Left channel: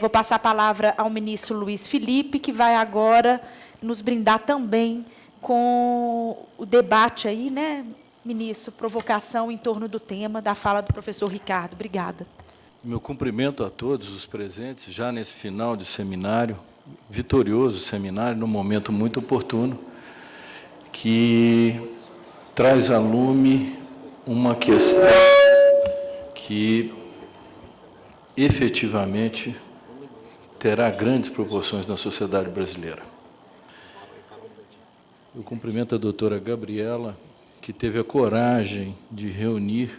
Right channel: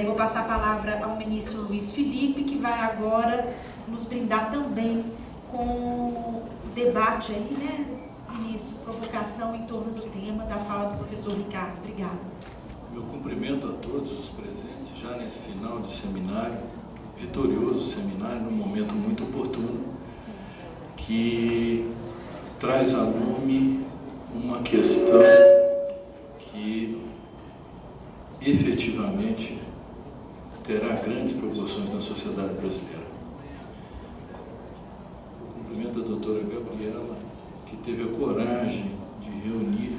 Vou passar a palavra ao ministro Luiz Felipe, que vai agora nos brindar também com o debate aí, né, ministro, provocação em torno do tema da fala do professor Ricardo. Obrigada. Meu cumprimento a todos os presentes, já nesse final de seminário, vitorioso seminário, num momento muito oportuno, que traz à lume uma questão que efetivamente terá grandes proporções na sociedade brasileira. Eu cumprimento a doutora Gabriela, que teve a coragem de reunir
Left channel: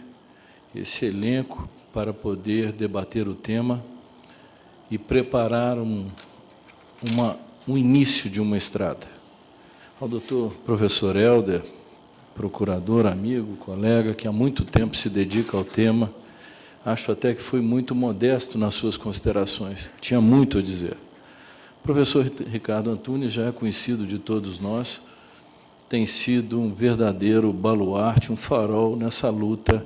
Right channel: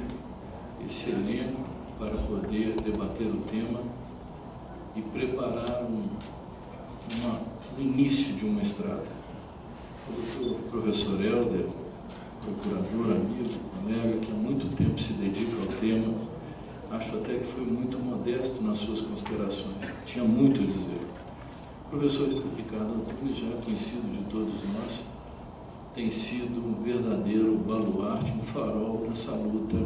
esse elenco para poder debater o tema e preparar um início de uma estrada. Ao doutor professor Helder, procurador, amigo, colega, que há muito tempo se dedica ao tema, acho até que foi muito modesto nas suas considerações, tinha muito a dizer. O professor Ricardo Antunes já é conhecido de todos nós, tem sido um verdadeiro baluarte, um farol nessa luta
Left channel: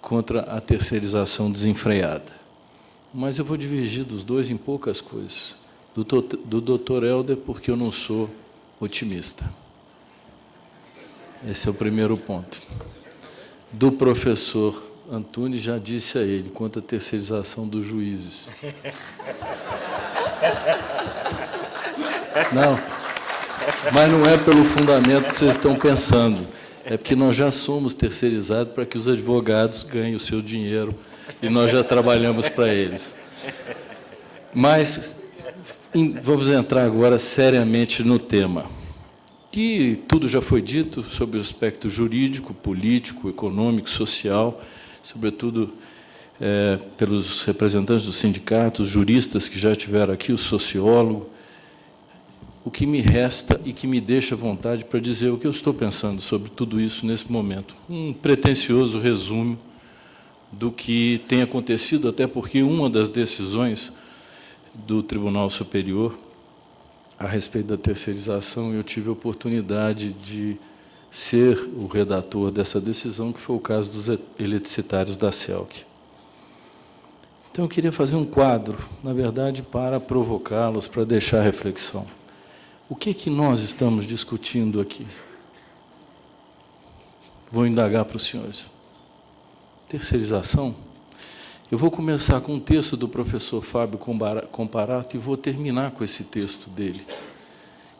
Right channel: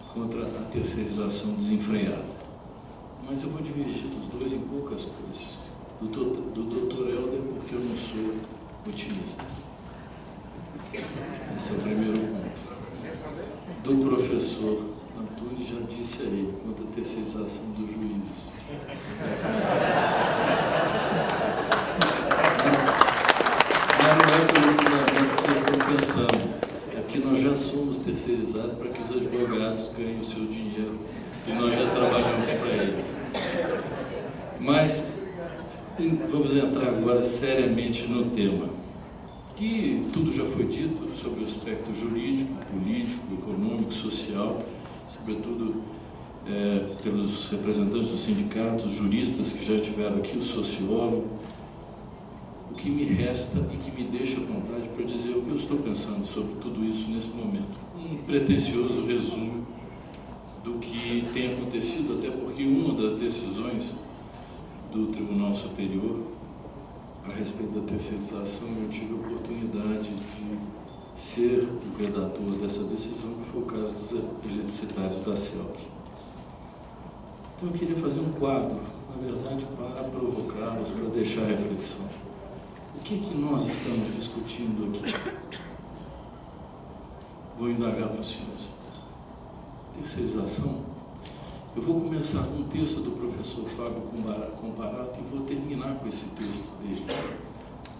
contra a terceirização desenfreada. Mas eu vou divergir dos dois em poucas coisas. Do doutor Helder, porque eu não sou otimista. Esse é o primeiro ponto. Do professor Antunes, já disse a ele, quanto à terceirização dos juízes. Não, mas não é pelo fundamento que vocês estão pensando. É porque nós já somos terceirizados para que os advogados ganhem o seu dinheiro e nós já trabalhamos para eles. Mas vamos entrar agora seriamente no tema. Que tudo já foi dito sobre o aspecto jurídico, político, econômico, social, sobretudo pelos representantes dos sindicatos, juristas que já estiveram aqui, o sociólogo. O que me resta e que me deixa à vontade para dizer o que eu estou pensando sobre tudo isso nesse momento. Um pretensioso resumo do que tem acontecido, até porque uma das decisões do Tribunal Superior a respeito da terceirização, eu tive a oportunidade de ser o redator dessa decisão, que foi o caso dos eletricitários da CELC. Então, eu queria fazer um quadro, na verdade, para provocá-los, para deixar a reflexão. O que nós estamos discutindo aqui? Vou indagar para os senhores. Terceirização? Eu vou começar com um texto do professor Fábio Comparato e vou terminar com esse texto dele.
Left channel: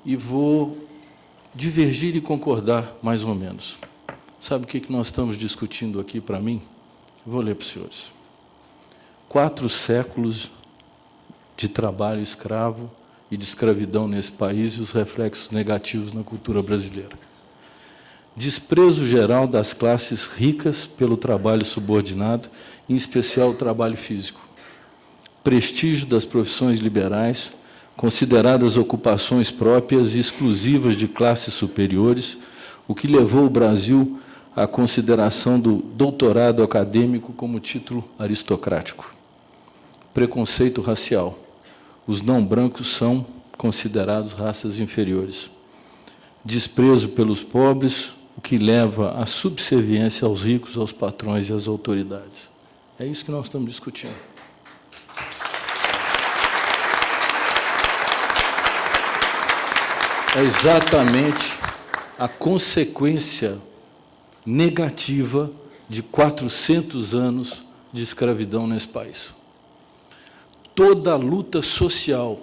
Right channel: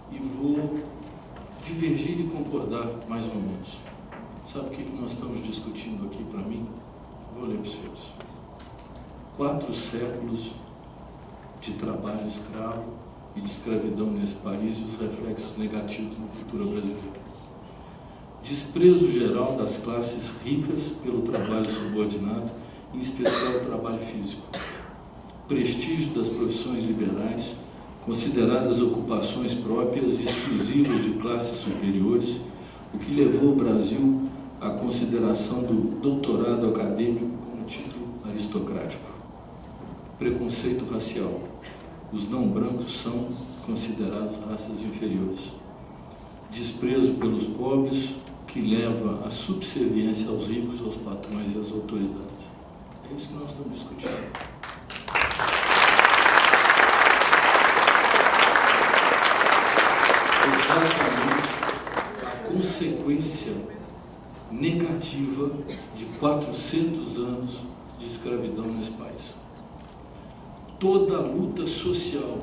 E vou divergir e concordar, mais ou menos. Sabe o que nós estamos discutindo aqui para mim? Vou ler para os senhores. 4 séculos de trabalho escravo e de escravidão nesse país e os reflexos negativos na cultura brasileira. Desprezo geral das classes ricas pelo trabalho subordinado, em especial o trabalho físico. Prestígio das profissões liberais, consideradas ocupações próprias e exclusivas de classes superiores, o que levou o Brasil à consideração do doutorado acadêmico como título aristocrático. Preconceito racial. Os não brancos são considerados raças inferiores. Desprezo pelos pobres, o que leva à subserviência aos ricos, aos patrões e às autoridades. É isso que nós estamos discutindo. É exatamente a consequência negativa de 400 anos de escravidão nesse país. Toda a luta social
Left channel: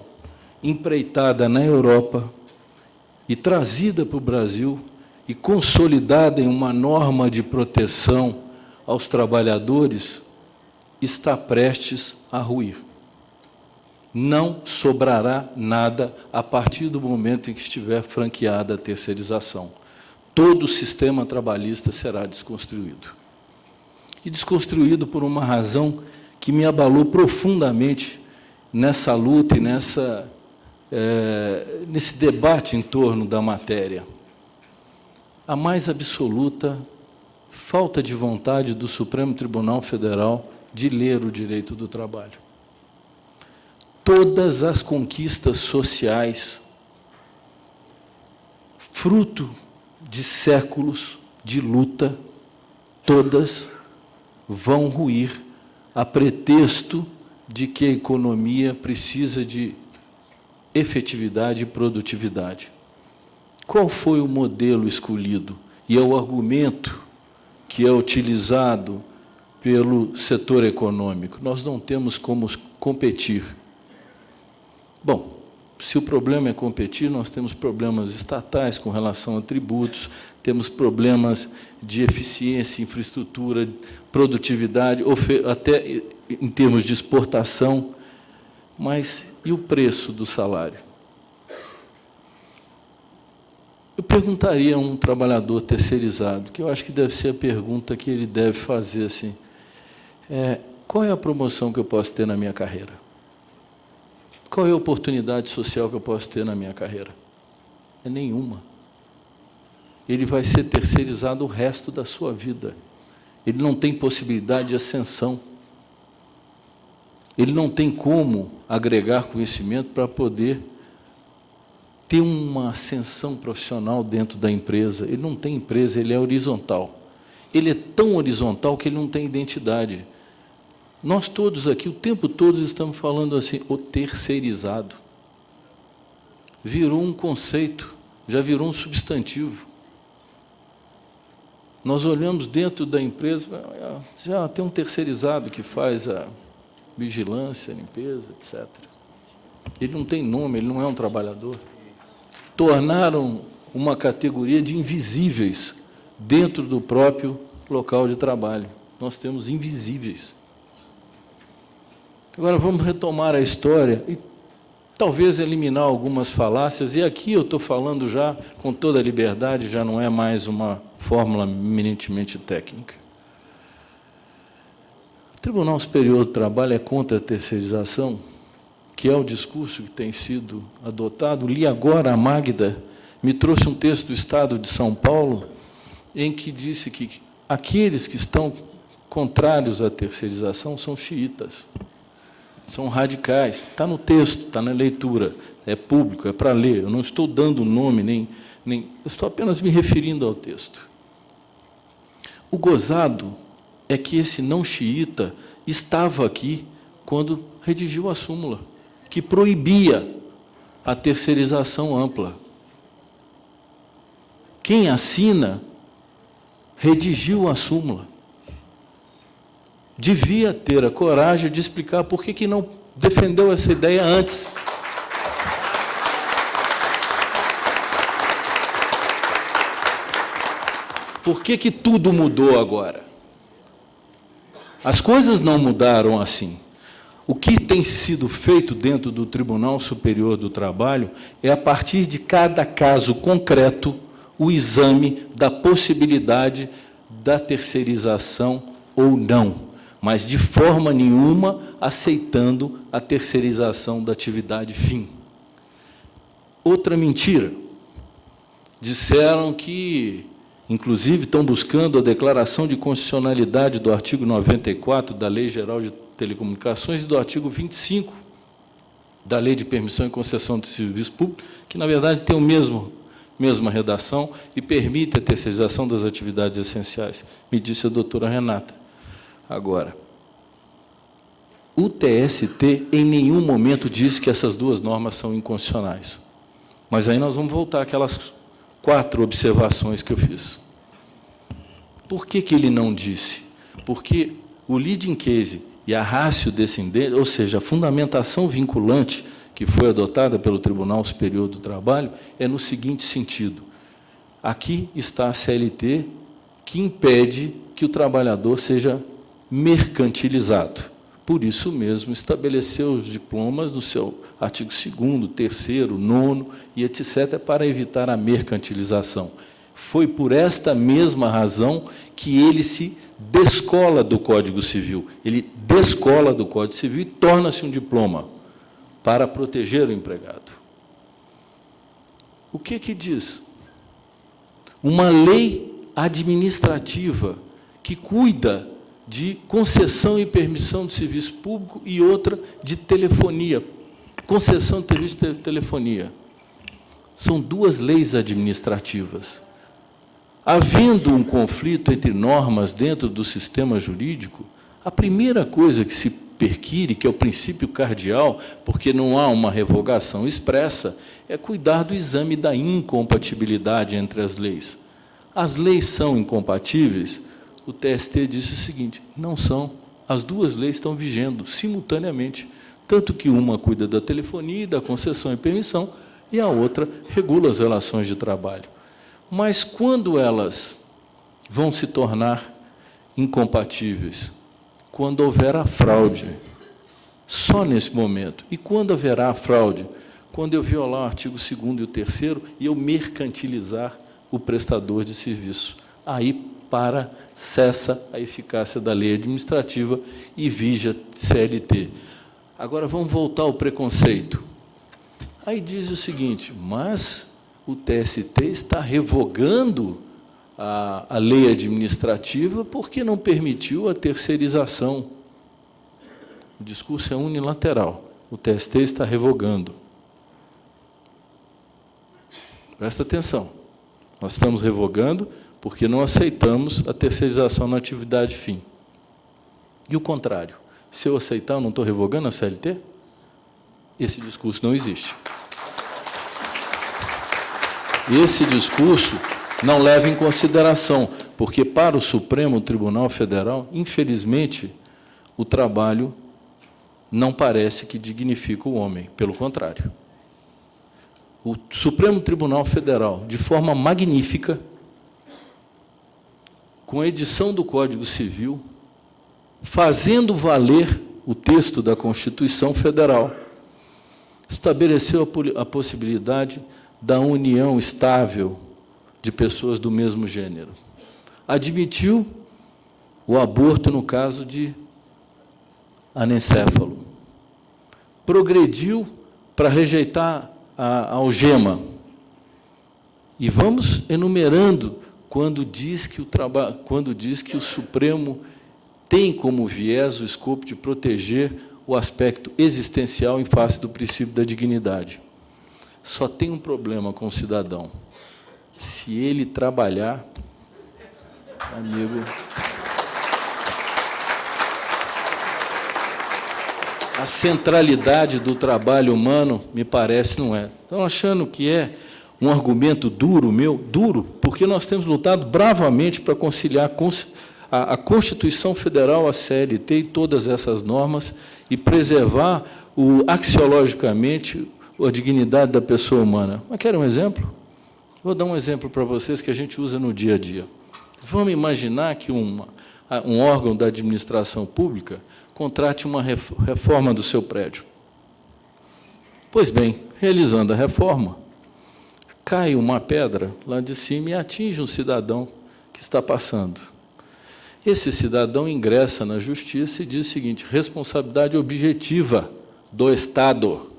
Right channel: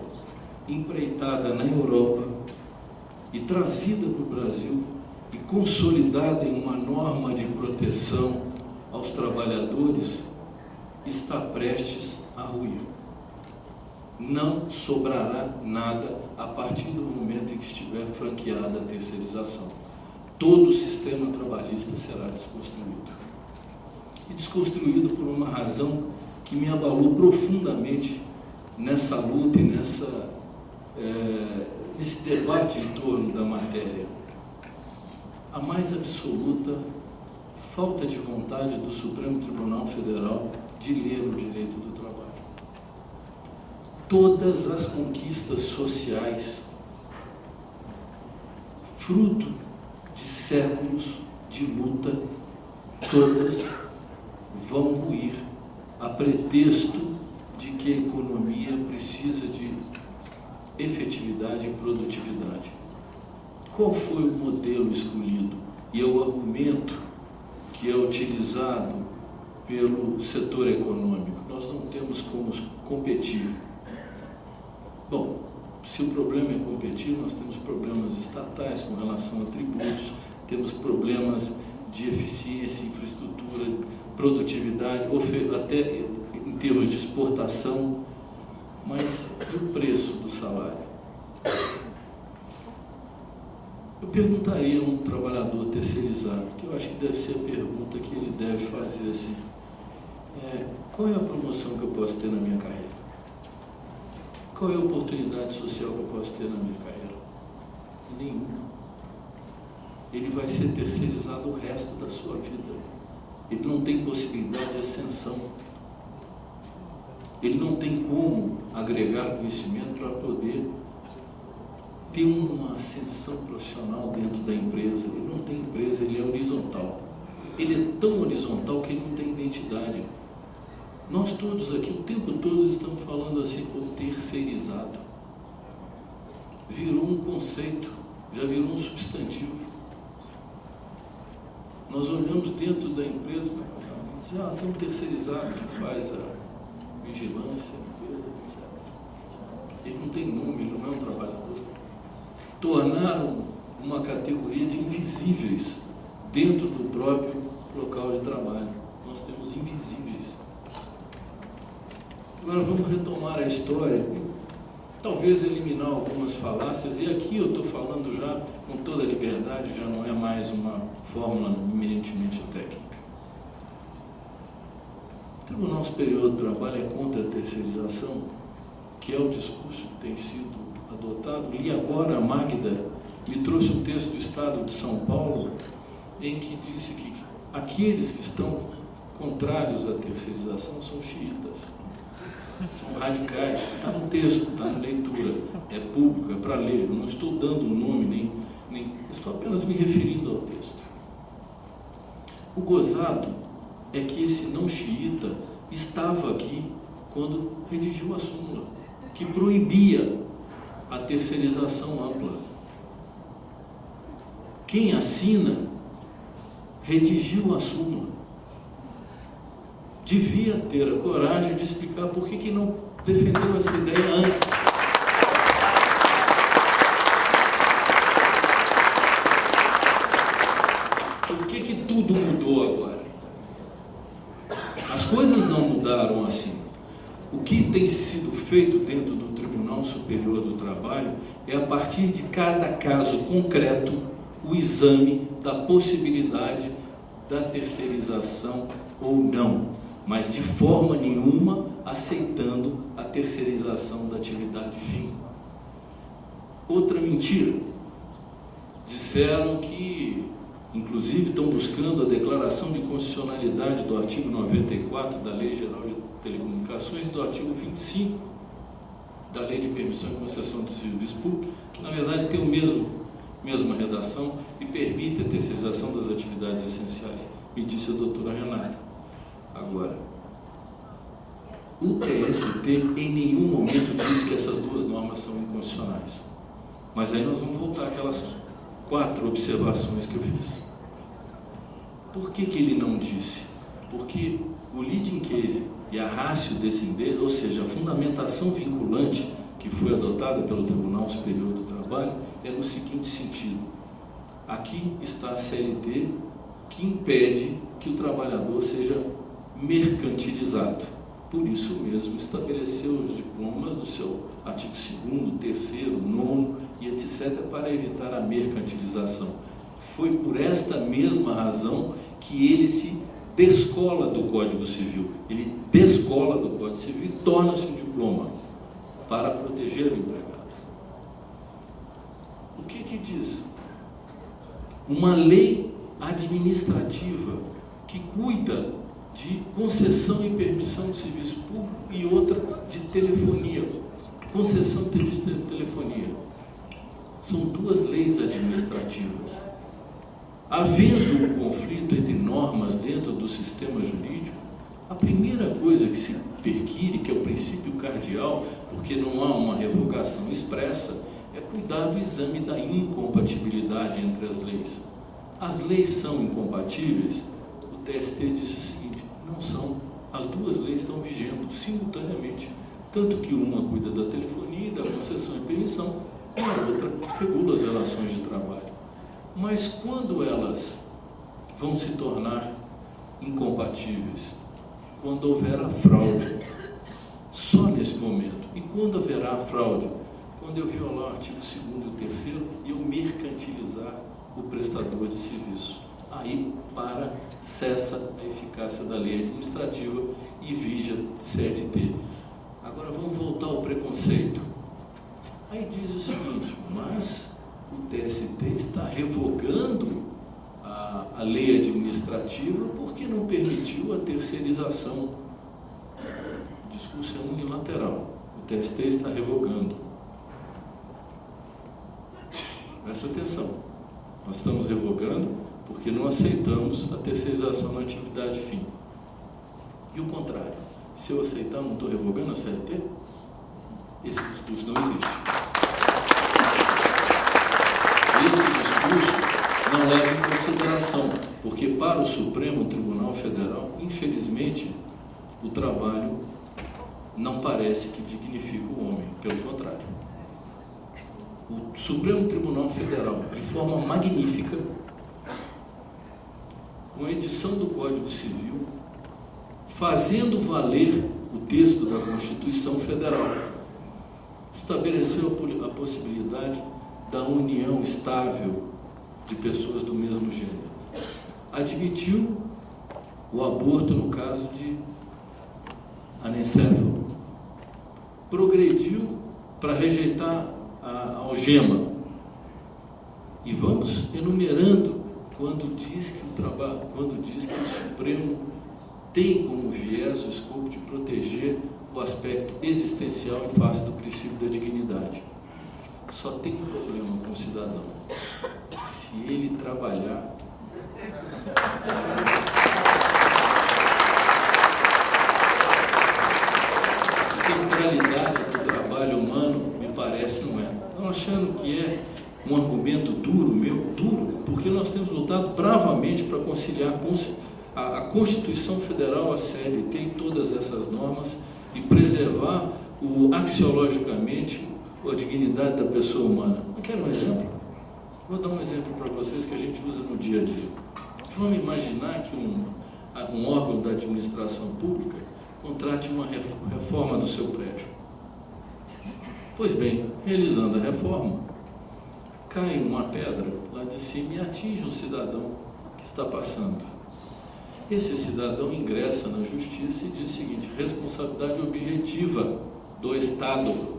empreitada na Europa e trazida para o Brasil e consolidada em uma norma de proteção aos trabalhadores está prestes a ruir. Não sobrará nada a partir do momento em que estiver franqueada a terceirização. Todo o sistema trabalhista será desconstruído. E desconstruído por uma razão que me abalou profundamente nessa luta e nesse debate em torno da matéria. A mais absoluta falta de vontade do Supremo Tribunal Federal de ler o direito do trabalho. Todas as conquistas sociais, fruto de séculos de luta, todas vão ruir a pretexto de que a economia precisa de efetividade e produtividade. Qual foi o modelo escolhido? E é o argumento que é utilizado pelo setor econômico. Nós não temos como competir. Bom, se o problema é competir, nós temos problemas estatais com relação a tributos, temos problemas de eficiência, infraestrutura, produtividade, até em termos de exportação, mas e o preço do salário? Eu perguntaria a um trabalhador terceirizado, que eu acho que deve ser a pergunta que ele deve fazer assim, qual é a promoção que eu posso ter na minha carreira? Qual é a oportunidade social que eu posso ter na minha carreira? É nenhuma. Ele vai ser terceirizado o resto da sua vida. Ele não tem possibilidade de ascensão. Ele não tem como agregar conhecimento para poder ter uma ascensão profissional dentro da empresa. Ele não tem empresa, ele é horizontal. Ele é tão horizontal que ele não tem identidade. Nós todos aqui, o tempo todo, estamos falando assim, o terceirizado. Virou um conceito, já virou um substantivo. Nós olhamos dentro da empresa, já tem um terceirizado que faz a vigilância, a limpeza, etc. Ele não tem nome, ele não é um trabalhador. Tornaram uma categoria de invisíveis dentro do próprio local de trabalho. Nós temos invisíveis. Agora vamos retomar a história e talvez eliminar algumas falácias, e aqui eu estou falando já com toda a liberdade, já não é mais uma fórmula eminentemente técnica. O Tribunal Superior do Trabalho é contra a terceirização, que é o discurso que tem sido adotado. Li agora, a Magda me trouxe um texto do Estado de São Paulo, em que disse que aqueles que estão contrários à terceirização são xiitas. São radicais. Está no texto, está na leitura, é público, é para ler. Eu não estou dando nome, nem eu estou apenas me referindo ao texto. O gozado é que esse não xiita estava aqui quando redigiu a súmula, que proibia a terceirização ampla. Quem assina redigiu a súmula. Devia ter a coragem de explicar por que não defendeu essa ideia antes. Por que tudo mudou agora? As coisas não mudaram assim. O que tem sido feito dentro do Tribunal Superior do Trabalho é, a partir de cada caso concreto, o exame da possibilidade da terceirização ou não, mas de forma nenhuma aceitando a terceirização da atividade fim. Outra mentira. Disseram que, inclusive, estão buscando a declaração de constitucionalidade do artigo 94 da Lei Geral de Telecomunicações e do artigo 25 da Lei de Permissão e Concessão de Serviço Público, que, na verdade, tem mesma redação e permite a terceirização das atividades essenciais, me disse a doutora Renata. Agora, o TST em nenhum momento disse que essas duas normas são inconstitucionais. Mas aí nós vamos voltar àquelas 4 observações que eu fiz. Por que ele não disse? Porque o leading case e a ratio descendente, ou seja, a fundamentação vinculante que foi adotada pelo Tribunal Superior do Trabalho, é no seguinte sentido. Aqui está a CLT que impede que o trabalhador seja mercantilizado. Por isso mesmo, estabeleceu os diplomas no seu artigo 2º, 3º, 9º e etc., para evitar a mercantilização. Foi por esta mesma razão que ele se descola do Código Civil. Ele descola do Código Civil e torna-se um diploma para proteger o empregado. O que diz? Uma lei administrativa que cuida de concessão e permissão de serviço público e outra de telefonia, concessão de serviço de telefonia. São 2 leis administrativas. Havendo um conflito entre normas dentro do sistema jurídico, a primeira coisa que se perquire, que é o princípio cardeal, porque não há uma revogação expressa, é cuidar do exame da incompatibilidade entre as leis. As leis são incompatíveis? O TST disse o seguinte: não são. As duas leis estão vigendo simultaneamente, tanto que uma cuida da telefonia e da concessão e permissão, e a outra regula as relações de trabalho. Mas quando elas vão se tornar incompatíveis? Quando houver a fraude. Só nesse momento. E quando haverá a fraude? Quando eu violar o artigo 2º e o 3º e eu mercantilizar o prestador de serviço. Aí cessa a eficácia da lei administrativa e vige a CLT. Agora vamos voltar ao preconceito. Aí diz o seguinte: mas o TST está revogando a lei administrativa porque não permitiu a terceirização. O discurso é unilateral. O TST está revogando. Presta atenção. Nós estamos revogando porque não aceitamos a terceirização na atividade fim. E o contrário. Se eu aceitar, eu não estou revogando a CLT? Esse discurso não existe. Esse discurso não leva em consideração, porque para o Supremo Tribunal Federal, infelizmente, o trabalho não parece que dignifica o homem, pelo contrário. O Supremo Tribunal Federal, de forma magnífica, com a edição do Código Civil, fazendo valer o texto da Constituição Federal, estabeleceu a possibilidade da união estável de pessoas do mesmo gênero. Admitiu o aborto no caso de anencéfalo. Progrediu para rejeitar a algema. E vamos enumerando quando diz que o Supremo tem como viés o escopo de proteger o aspecto existencial em face do princípio da dignidade. Só tem um problema com o cidadão: se ele trabalhar, a centralidade do trabalho humano, me parece, não é. Estão achando que é um argumento duro, duro, porque nós temos lutado bravamente para conciliar a Constituição Federal, a CLT e todas essas normas e preservar axiologicamente a dignidade da pessoa humana. Mas querem um exemplo? Vou dar um exemplo para vocês que a gente usa no dia a dia. Vamos imaginar que um órgão da administração pública contrate uma reforma do seu prédio. Pois bem, realizando a reforma, cai uma pedra lá de cima e atinge um cidadão que está passando. Esse cidadão ingressa na justiça e diz o seguinte: responsabilidade objetiva do Estado.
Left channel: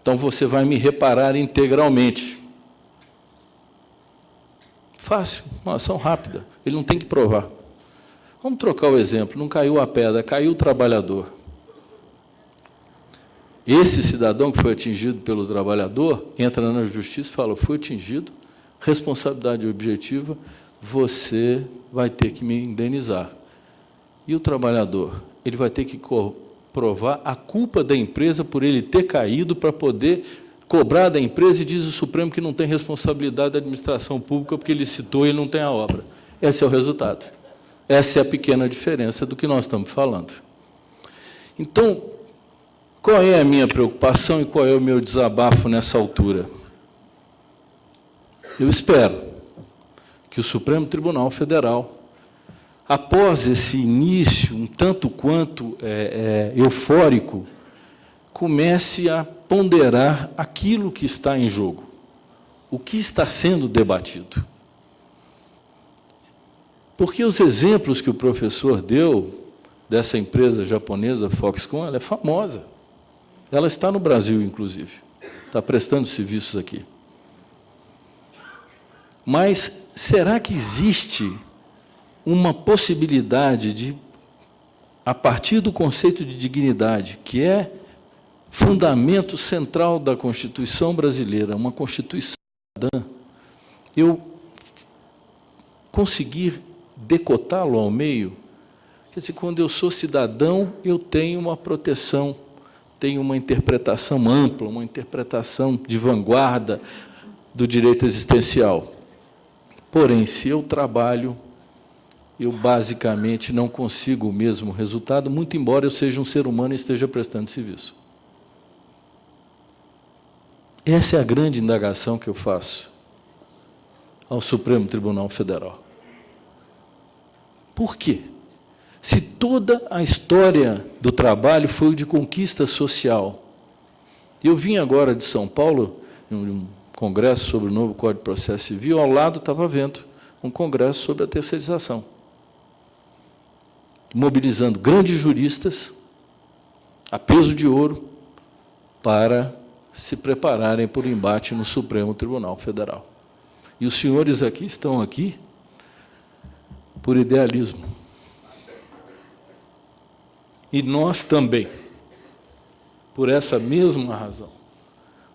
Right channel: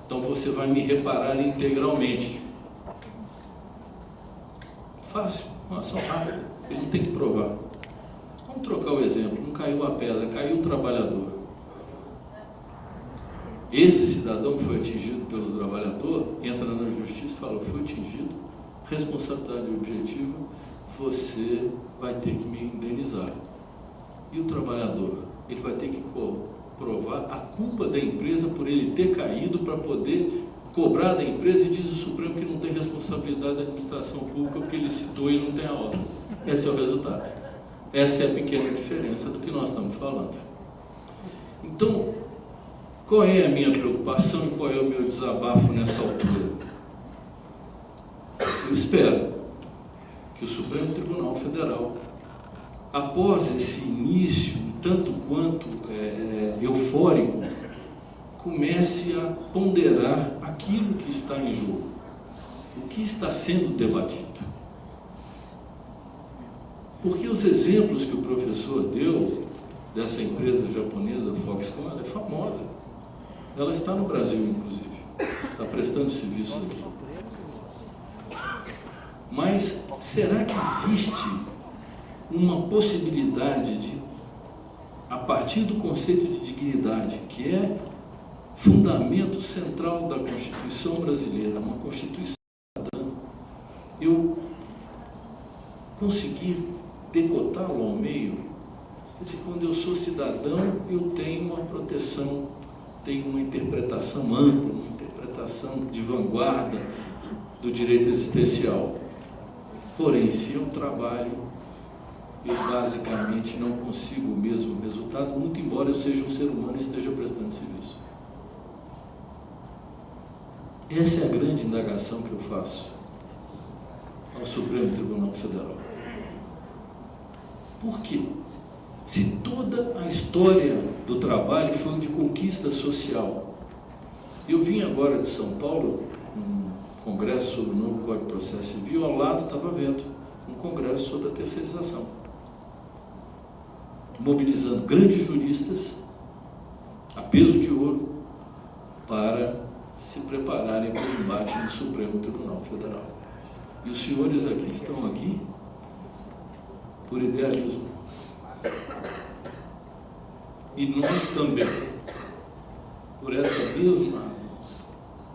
Então você vai me reparar integralmente. Fácil, uma ação rápida, ele não tem que provar. Vamos trocar o exemplo: não caiu a pedra, caiu o trabalhador. Esse cidadão que foi atingido pelo trabalhador entra na justiça e fala: fui atingido, responsabilidade objetiva, você vai ter que me indenizar. E o trabalhador? Ele vai ter que provar a culpa da empresa por ele ter caído para poder cobrar da empresa, e diz o Supremo que não tem responsabilidade da administração pública porque ele citou e não tem a obra. Esse é o resultado. Essa é a pequena diferença do que nós estamos falando. Então, qual é a minha preocupação e qual é o meu desabafo nessa altura? Eu espero que o Supremo Tribunal Federal, após esse início, um tanto quanto eufórico, comece a ponderar aquilo que está em jogo, o que está sendo debatido. Porque os exemplos que o professor deu dessa empresa japonesa, Foxconn, ela é famosa. Ela está no Brasil, inclusive. Está prestando serviços aqui. Mas será que existe uma possibilidade de, a partir do conceito de dignidade, que é fundamento central da Constituição brasileira, uma Constituição cidadã, eu conseguir decotá-lo ao meio, Quer dizer, quando eu sou cidadão, eu tenho uma proteção, tenho uma interpretação ampla, uma interpretação de vanguarda do direito existencial. Porém, se eu trabalho, eu basicamente não consigo o mesmo resultado, muito embora eu seja um ser humano e esteja prestando serviço. Essa é a grande indagação que eu faço ao Supremo Tribunal Federal. Por quê? Se toda a história do trabalho foi de conquista social. Eu vim agora de São Paulo, num congresso sobre o novo Código de Processo Civil, ao lado estava vendo um congresso sobre a terceirização, mobilizando grandes juristas, a peso de ouro, para se prepararem para o embate no Supremo Tribunal Federal. E os senhores aqui estão aqui por idealismo. E nós também, por essa mesma razão,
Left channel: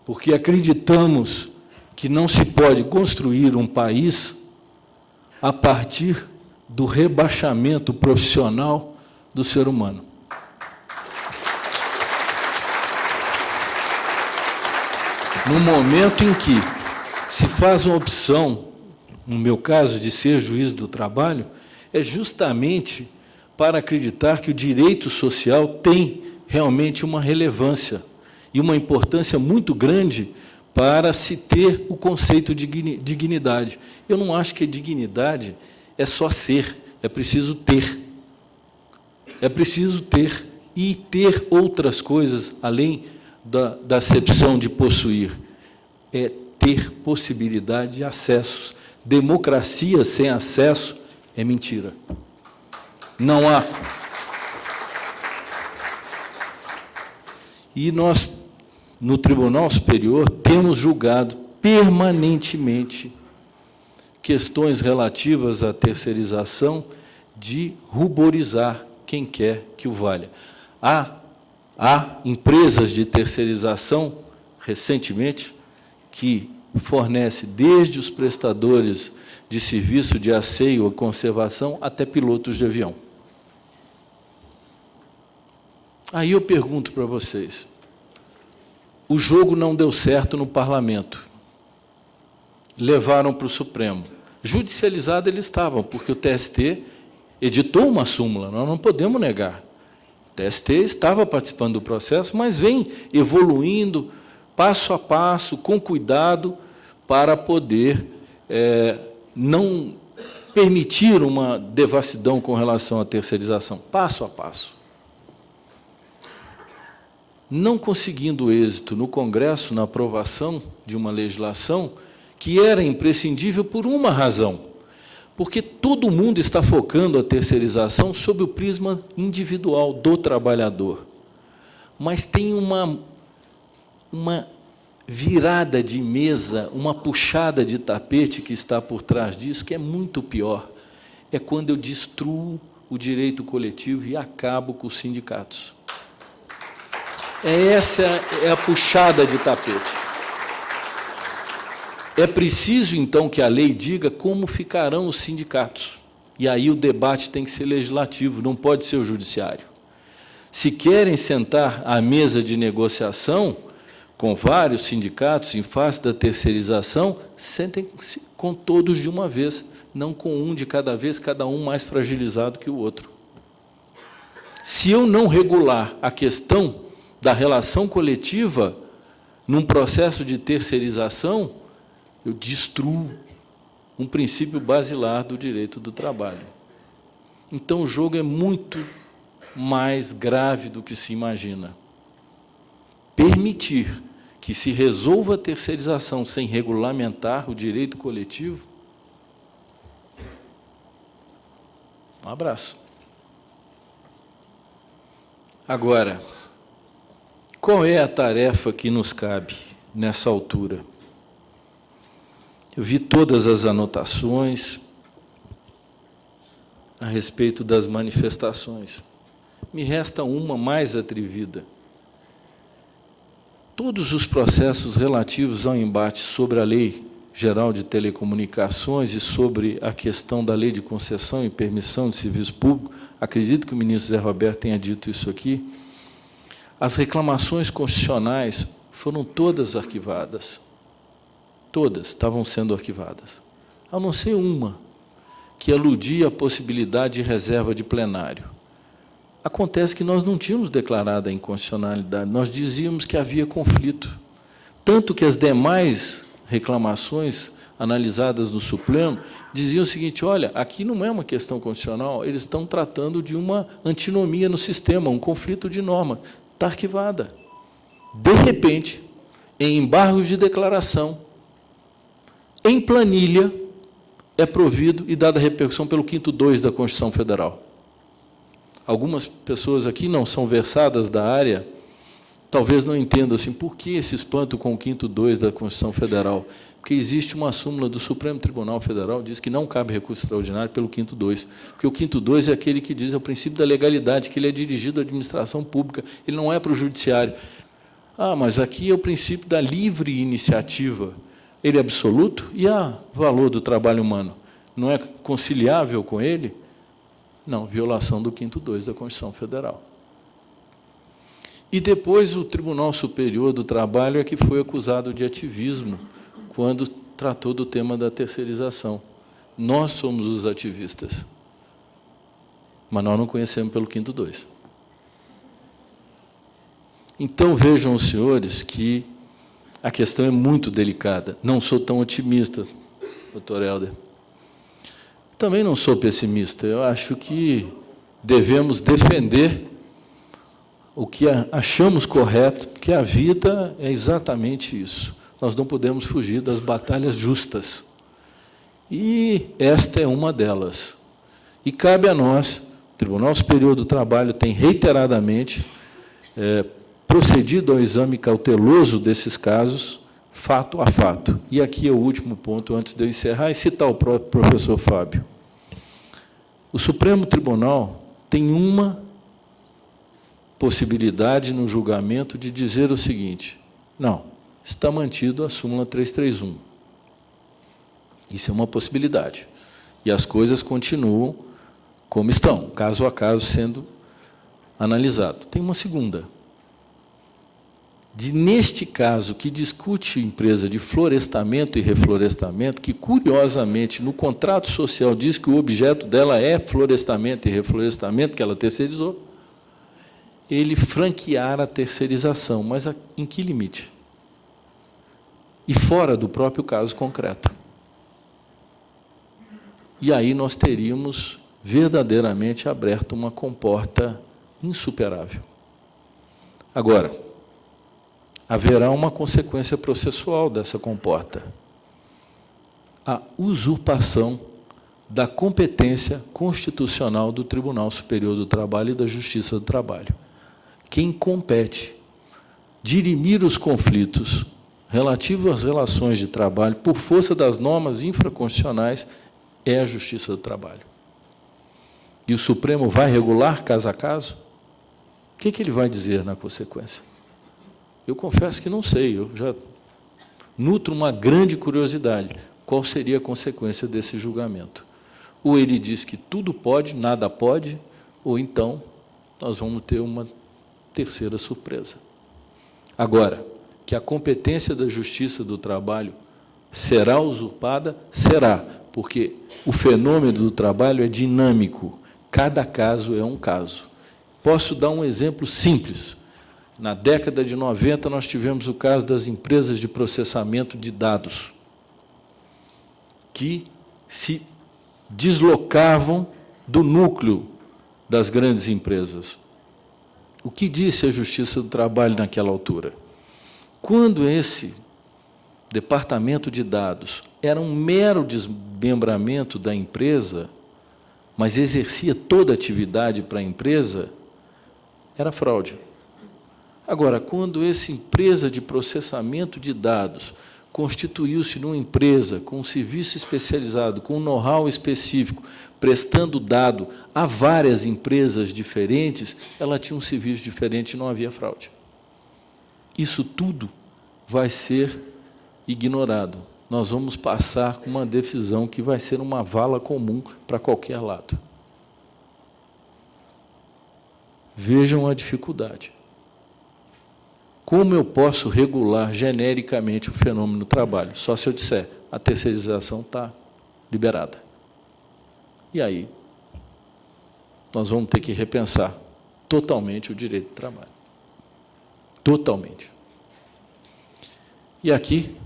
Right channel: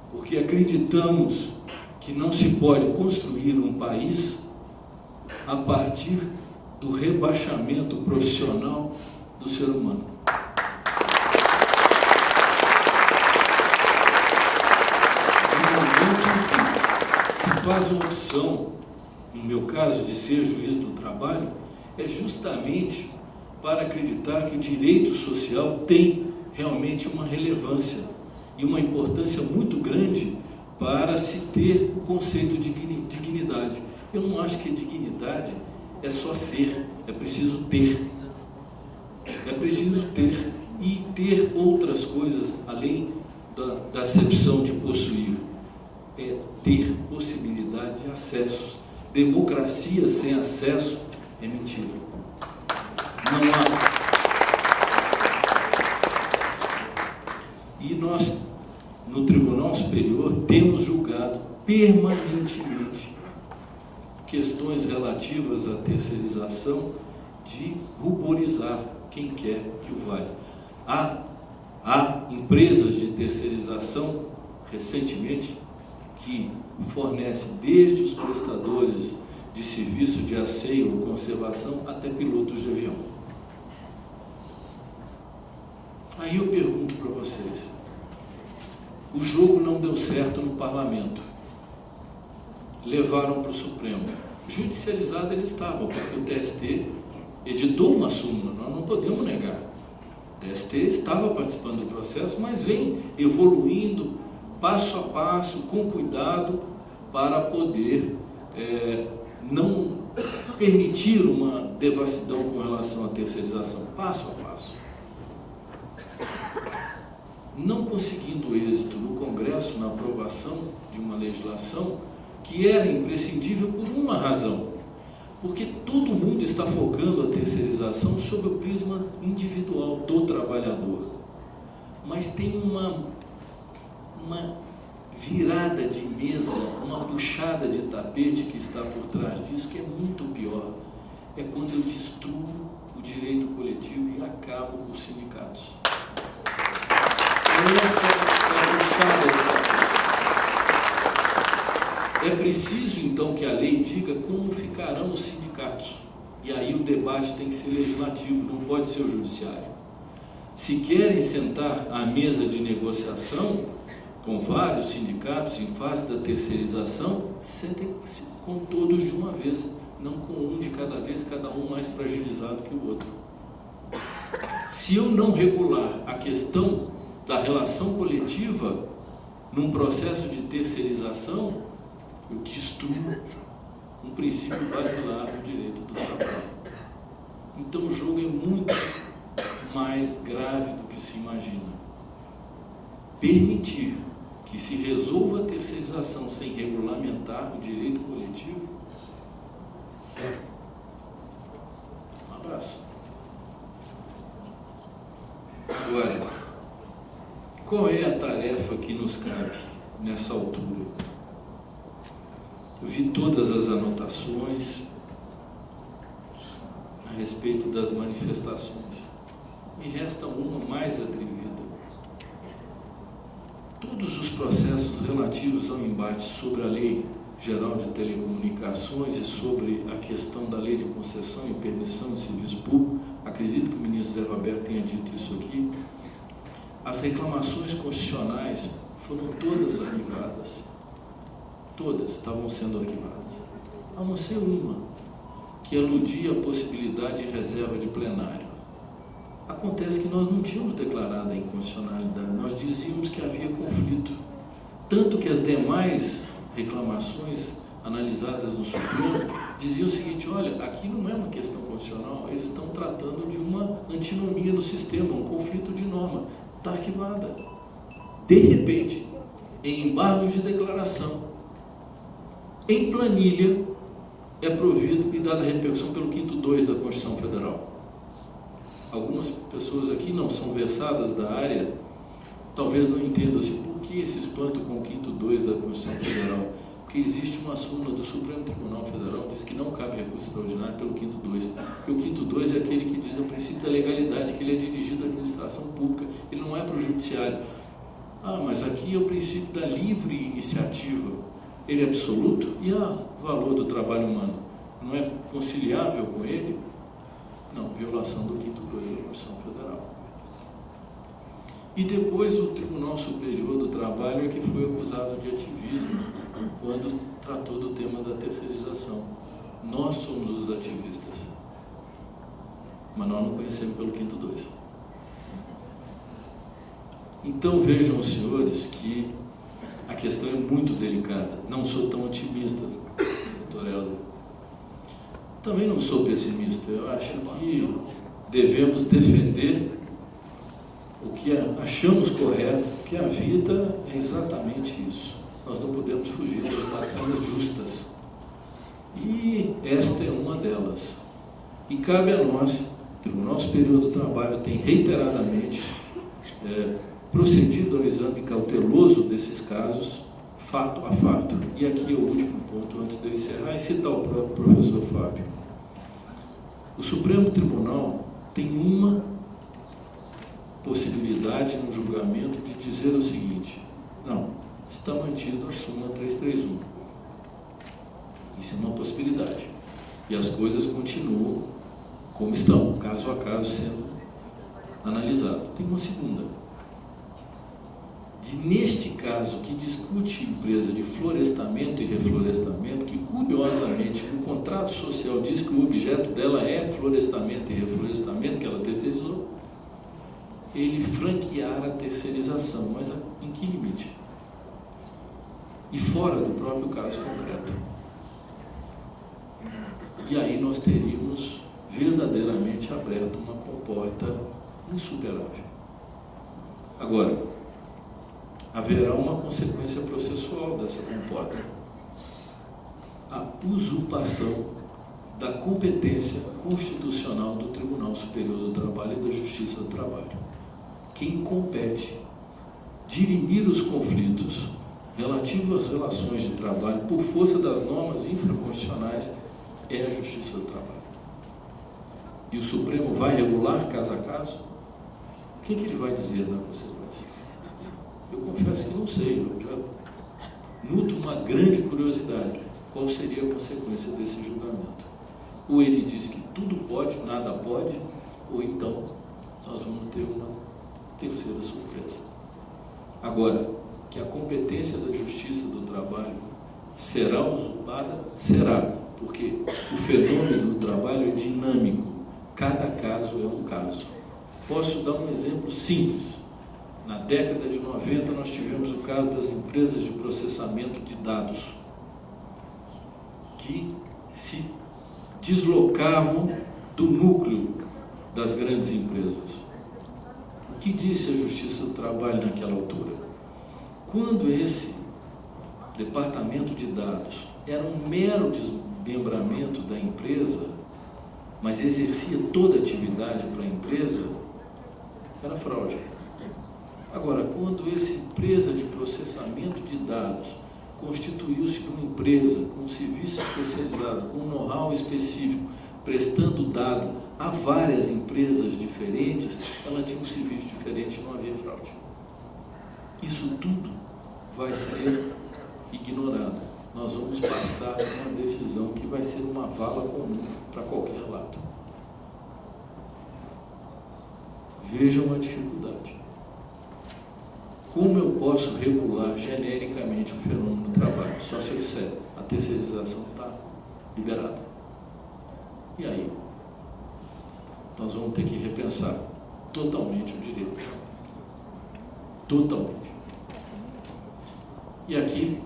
porque acreditamos que não se pode construir um país a partir do rebaixamento profissional do ser humano. No momento em que se faz uma opção, no meu caso, de ser juiz do trabalho, é justamente para acreditar que o direito social tem realmente uma relevância e uma importância muito grande para se ter o conceito de dignidade. Eu não acho que dignidade é só ser, é preciso ter. É preciso ter, e ter outras coisas, além da acepção de possuir. É ter possibilidade de acessos. Democracia sem acesso é mentira. Não há. E nós, no Tribunal Superior, temos julgado permanentemente questões relativas à terceirização, de ruborizar quem quer que o valha. Há empresas de terceirização, recentemente, que fornecem desde os prestadores de serviço de asseio ou conservação até pilotos de avião. Aí eu pergunto para vocês, o jogo não deu certo no parlamento, levaram para o Supremo, judicializado eles estavam, porque o TST editou uma súmula, nós não podemos negar, o TST estava participando do processo, mas vem evoluindo passo a passo, com cuidado, para poder não permitir uma devassidão com relação à terceirização, passo a passo. Não conseguindo êxito no Congresso, na aprovação de uma legislação que era imprescindível por uma razão, porque todo mundo está focando a terceirização sob o prisma individual do trabalhador, mas tem uma virada de mesa, uma puxada de tapete que está por trás disso, que é muito pior. É quando eu destruo o direito coletivo e acabo com os sindicatos. Essa é a puxada de tapete. É preciso, então, que a lei diga como ficarão os sindicatos. E aí o debate tem que ser legislativo, não pode ser o judiciário. Se querem sentar à mesa de negociação com vários sindicatos em face da terceirização, sentem-se com todos de uma vez, não com um de cada vez, cada um mais fragilizado que o outro. Se eu não regular a questão da relação coletiva num processo de terceirização, eu destruo um princípio basilar do direito do trabalho. Então, o jogo é muito mais grave do que se imagina. Permitir que se resolva a terceirização sem regulamentar o direito coletivo, um abraço. Agora, qual é a tarefa que nos cabe nessa altura? Eu vi todas as anotações a respeito das manifestações. Me resta uma mais atrevida. Todos os processos relativos ao embate sobre a lei Geral de Telecomunicações e sobre a questão da lei de concessão e permissão de serviço público, acredito que o ministro Zé Roberto tenha dito isso aqui, as reclamações constitucionais foram todas arquivadas. Todas estavam sendo arquivadas, a não ser uma, que aludia à possibilidade de reserva de plenário. Acontece que nós não tínhamos declarado a inconstitucionalidade, nós dizíamos que havia conflito, tanto que as demais reclamações analisadas no Supremo diziam o seguinte: olha, aqui não é uma questão constitucional, eles estão tratando de uma antinomia no sistema, um conflito de norma, está arquivada. De repente, em embargos de declaração, em planilha, é provido e dada repercussão pelo 5º da Constituição Federal. Algumas pessoas aqui não são versadas da área, talvez não entendam assim, por que esse espanto com o 5º da Constituição Federal? Porque existe uma súmula do Supremo Tribunal Federal que diz que não cabe recurso extraordinário pelo 5º, porque o 5º é aquele que diz, é o princípio da legalidade, que ele é dirigido à administração pública, ele não é para o judiciário. Ah, mas aqui é o princípio da livre iniciativa, ele é absoluto, e o valor do trabalho humano não é conciliável com ele? Não, violação do 5º da Constituição Federal. E depois o Tribunal Superior do Trabalho é que foi acusado de ativismo quando tratou do tema da terceirização. Nós somos os ativistas, mas nós não conhecemos pelo 5º. Então, vejam os senhores que a questão é muito delicada. Não sou tão otimista, doutor Helder. Também não sou pessimista. Eu acho que devemos defender o que achamos correto, porque a vida é exatamente isso. Nós não podemos fugir das batalhas justas. E esta é uma delas. E cabe a nós, o Tribunal Superior do Trabalho tem reiteradamente procedido ao exame cauteloso desses casos, fato a fato. E aqui é o último ponto, antes de eu encerrar, e citar o próprio professor Fábio. O Supremo Tribunal tem uma possibilidade no julgamento de dizer o seguinte: não, está mantido a súmula 331. Isso é uma possibilidade. E as coisas continuam como estão, caso a caso sendo analisado. Tem uma segunda. Neste caso, que discute empresa de florestamento e reflorestamento, que, curiosamente, no contrato social diz que o objeto dela é florestamento e reflorestamento, que ela terceirizou, ele franquear a terceirização, mas em que limite? E fora do próprio caso concreto. E aí nós teríamos verdadeiramente aberto uma comporta insuperável. Agora, haverá uma consequência processual dessa comporta: a usurpação da competência constitucional do Tribunal Superior do Trabalho e da Justiça do Trabalho. Quem compete dirimir os conflitos relativos às relações de trabalho por força das normas infraconstitucionais é a Justiça do Trabalho. E o Supremo vai regular caso a caso? O que ele vai dizer na consequência? Eu confesso que não sei, eu já nutro uma grande curiosidade. Qual seria a consequência desse julgamento? Ou ele diz que tudo pode, nada pode, ou então nós vamos ter uma terceira surpresa. Agora, que a competência da Justiça do Trabalho será usurpada? Será, porque o fenômeno do trabalho é dinâmico, cada caso é um caso. Posso dar um exemplo simples. Na década de 90, nós tivemos o caso das empresas de processamento de dados, que se deslocavam do núcleo das grandes empresas. O que disse a Justiça do Trabalho naquela altura? Quando esse departamento de dados era um mero desmembramento da empresa, mas exercia toda a atividade para a empresa, era fraude. Agora, quando essa empresa de processamento de dados constituiu-se numa empresa com um serviço especializado, com um know-how específico, prestando dado a várias empresas diferentes, ela tinha um serviço diferente e não havia fraude. Isso tudo vai ser ignorado. nós vamos passar com uma decisão que vai ser uma vala comum para qualquer lado. Vejam a dificuldade. Como eu posso regular genericamente o fenômeno do trabalho? Só se eu disser, a terceirização está liberada. E aí, nós vamos ter que repensar totalmente o direito do trabalho. Totalmente. E aqui,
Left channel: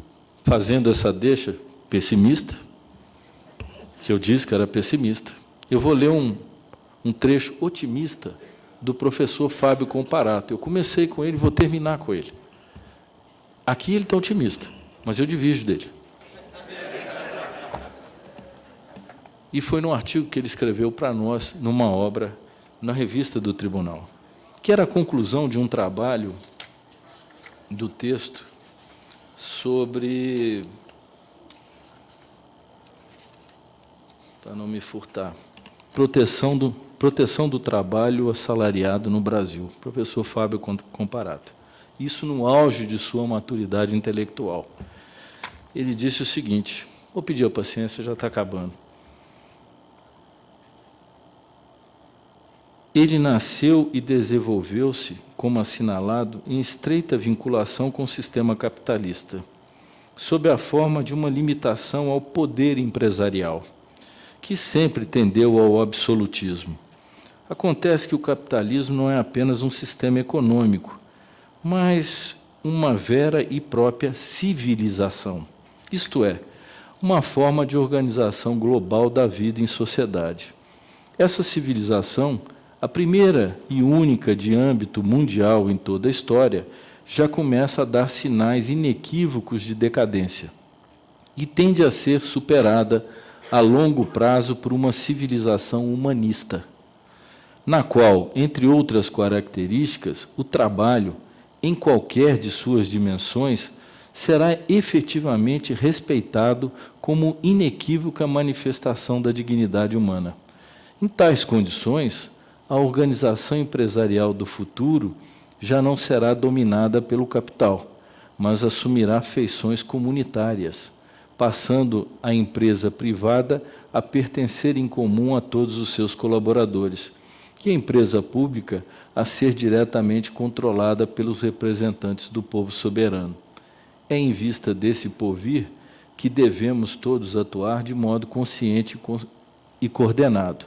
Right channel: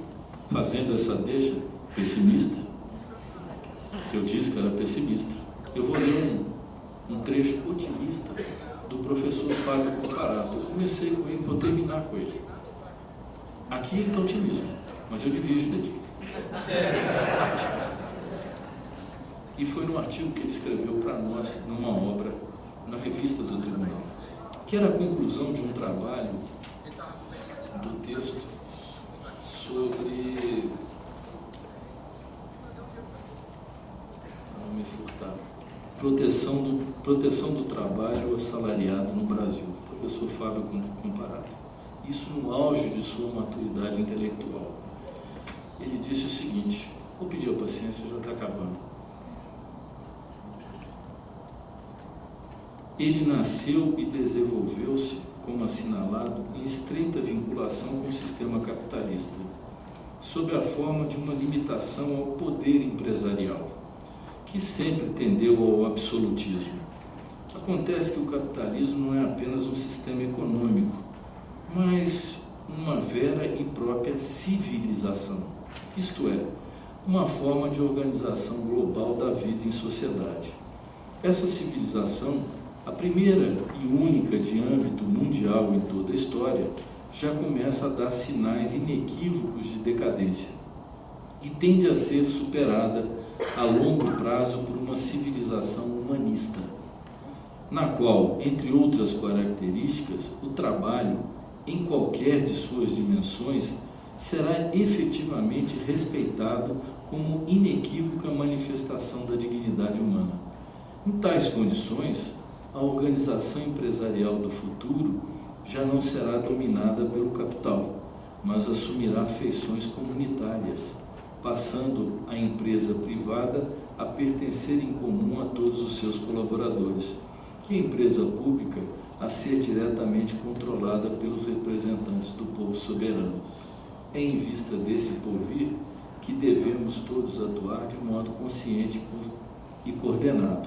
fazendo essa deixa pessimista, que eu disse que era pessimista, eu vou ler um trecho otimista do professor Fábio Comparato. Eu comecei com ele e vou terminar com ele. Aqui ele está otimista, mas eu divido dele. E foi num artigo que ele escreveu para nós, numa obra, na revista do Tribunal, que era a conclusão de um trabalho do texto sobre, para não me furtar, proteção do trabalho assalariado no Brasil, professor Fábio Comparato. Isso no auge de sua maturidade intelectual. Ele disse o seguinte, vou pedir a paciência, já está acabando. Ele nasceu e desenvolveu-se, como assinalado, em estreita vinculação com o sistema capitalista, sob a forma de uma limitação ao poder empresarial, que sempre tendeu ao absolutismo. Acontece que o capitalismo não é apenas um sistema econômico, mas uma vera e própria civilização, isto é, uma forma de organização global da vida em sociedade. Essa civilização, a primeira e única de âmbito mundial em toda a história, já começa a dar sinais inequívocos de decadência e tende a ser superada a longo prazo por uma civilização humanista, na qual, entre outras características, o trabalho, em qualquer de suas dimensões, será efetivamente respeitado como inequívoca manifestação da dignidade humana. Em tais condições, a organização empresarial do futuro já não será dominada pelo capital, mas assumirá feições comunitárias, passando a empresa privada a pertencer em comum a todos os seus colaboradores, e a empresa pública a ser diretamente controlada pelos representantes do povo soberano. É em vista desse porvir que devemos todos atuar de modo consciente e coordenado.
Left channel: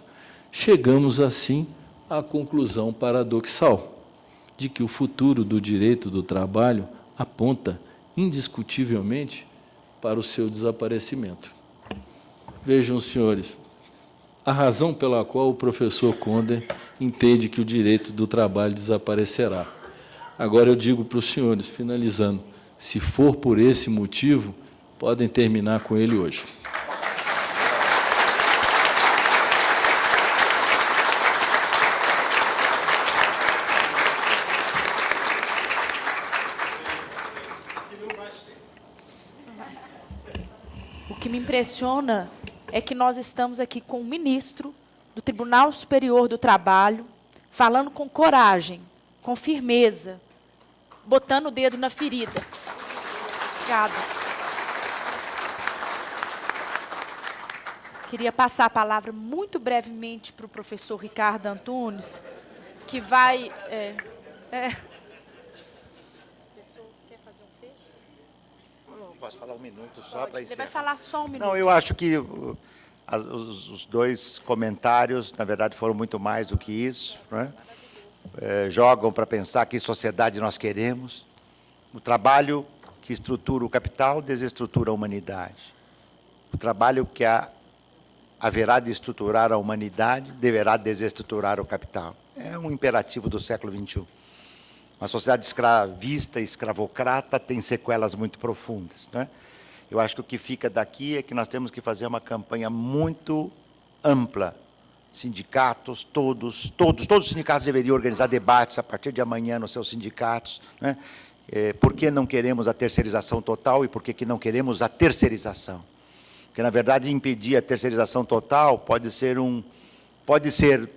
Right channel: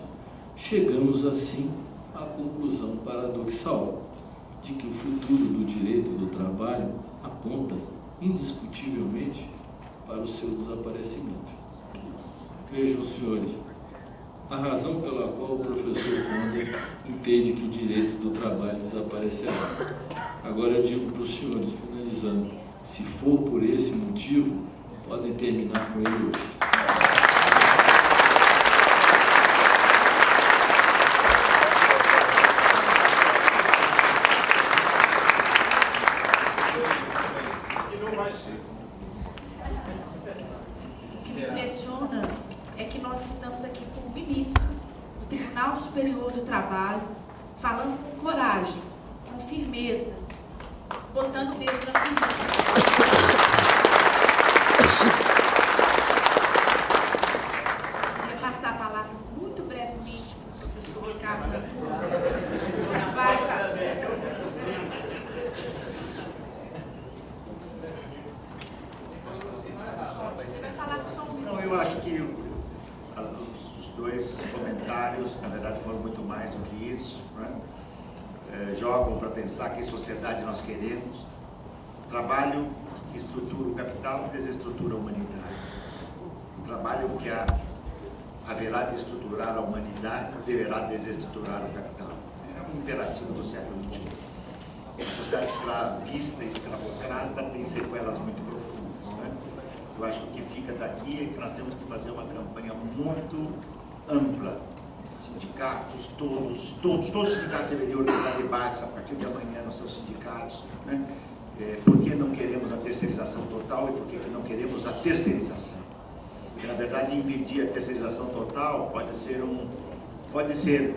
Chegamos, assim, à conclusão paradoxal de que o futuro do direito do trabalho aponta indiscutivelmente para o seu desaparecimento. Vejam, senhores, a razão pela qual o professor Conder entende que o direito do trabalho desaparecerá. Agora eu digo para os senhores, finalizando, se for por esse motivo, podem terminar com ele hoje. O que me impressiona é que nós estamos aqui com o ministro do Tribunal Superior do Trabalho, falando com coragem, com firmeza, botando o dedo na ferida. Queria passar a palavra muito brevemente para o professor Ricardo Antunes, que vai... Você vai falar só um minuto. Não, eu acho que os dois comentários, na verdade, foram muito mais do que isso, né? Jogam para pensar que sociedade nós queremos. O trabalho que estrutura o capital desestrutura a humanidade. O trabalho que haverá de estruturar a humanidade deverá desestruturar o capital. É um imperativo do século XXI. A sociedade escravista, escravocrata, tem sequelas muito profundas, né? Eu acho que o que fica daqui é que nós temos que fazer uma campanha muito ampla. Sindicatos, todos os sindicatos deveriam organizar debates a partir de amanhã nos seus sindicatos, né? Por que não queremos a terceirização total e por que não queremos a terceirização? Porque, na verdade, impedir a terceirização total pode ser,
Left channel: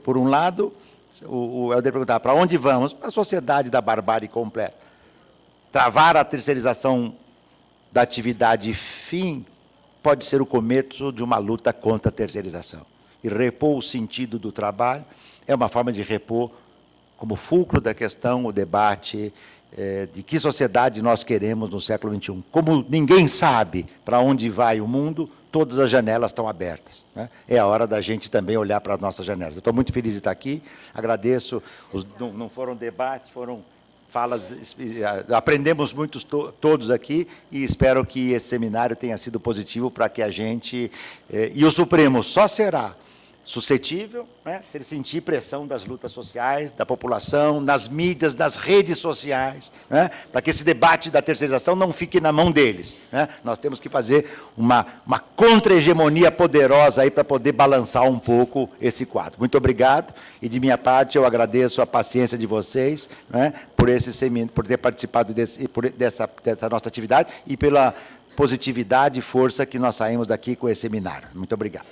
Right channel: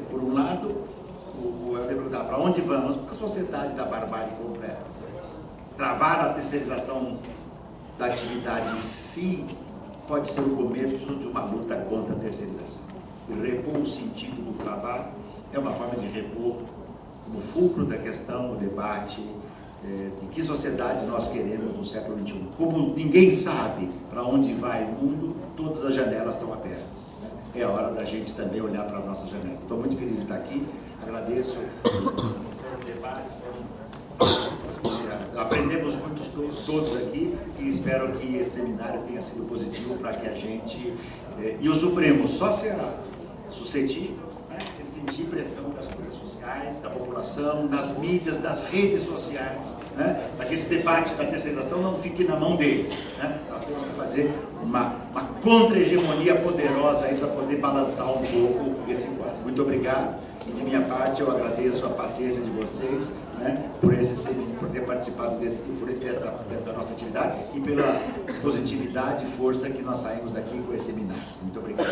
por um lado, o Helder perguntar, para onde vamos? Para a sociedade da barbárie completa. Travar a terceirização da atividade fim pode ser o começo de uma luta contra a terceirização. E repor o sentido do trabalho é uma forma de repor, como fulcro da questão, o debate de que sociedade nós queremos no século XXI. Como ninguém sabe para onde vai o mundo, todas as janelas estão abertas, né? É a hora da gente também olhar para as nossas janelas. Eu estou muito feliz de estar aqui, agradeço. Não foram debates, foram falas, aprendemos muitos todos aqui, e espero que esse seminário tenha sido positivo para que a gente... E o Supremo só será suscetível, né, se ele sentir pressão das lutas sociais, da população, nas mídias, nas redes sociais, né, para que esse debate da terceirização não fique na mão deles, né? Nós temos que fazer uma contra-hegemonia poderosa aí para poder balançar um pouco esse quadro. Muito obrigado, e de minha parte eu agradeço a paciência de vocês, né, por ter participado dessa nossa atividade e pela positividade e força que nós saímos daqui com esse seminário. Muito obrigado.